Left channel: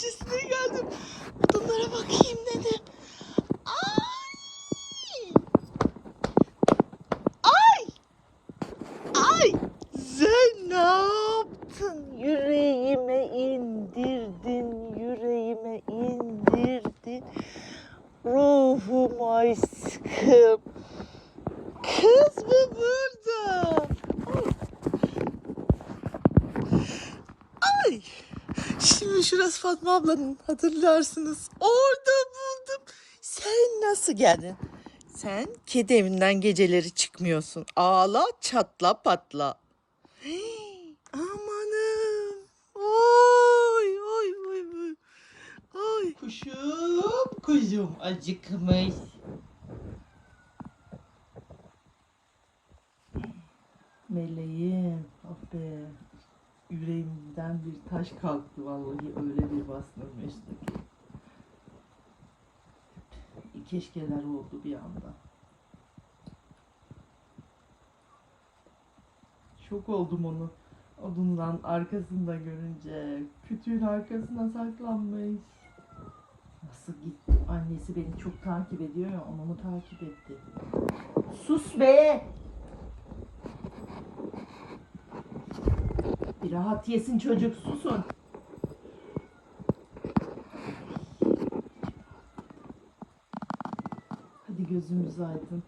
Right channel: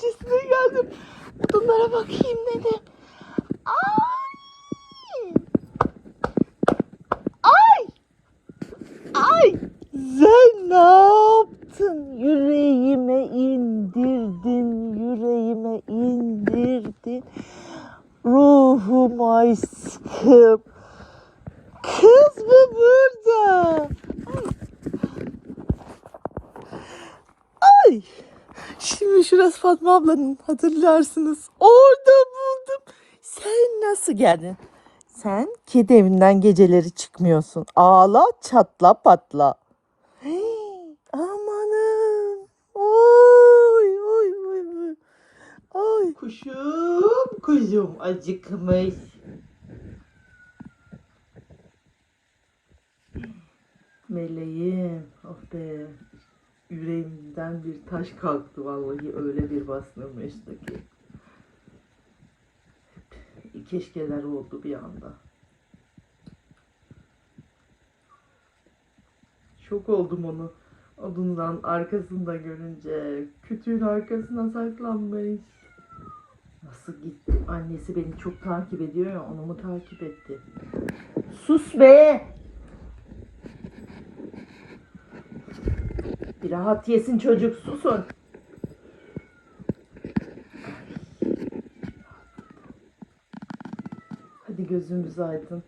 bahçesine geldim. Odunlara bakayım dedim. Ay! Ay! Ay! Sen ne yaptın? Yüreğime indirdin, yüreğime indirdin. Ruhum aşkım. Kız mı burada? Ay! Şimdi şurası Fatma ablanın hatırlarsınız. Orada buldum. Sen nasıl geldin? Sen kedi evinden geceleri çıkmıyorsun. Ağla çatla patla. Hey, amanım. Oy oy oy oy. Ay. Kuşum kuzum acıkmış. Meleğim. Oh be. Yüreğimden bir taş kalktı vallahi öyle bir bastırmıştı ki. Keşkeler oldu bir anda. Şok oldum onu. Odundan arkasında görünce. Kütüğün arkasına saklanmış. Nasıl gitti? Annesi beni çok takip ediyor ya onu mu takip etti? Sus be! Bir rahat yesin çocuk susun. Hadi gözümüz aydın.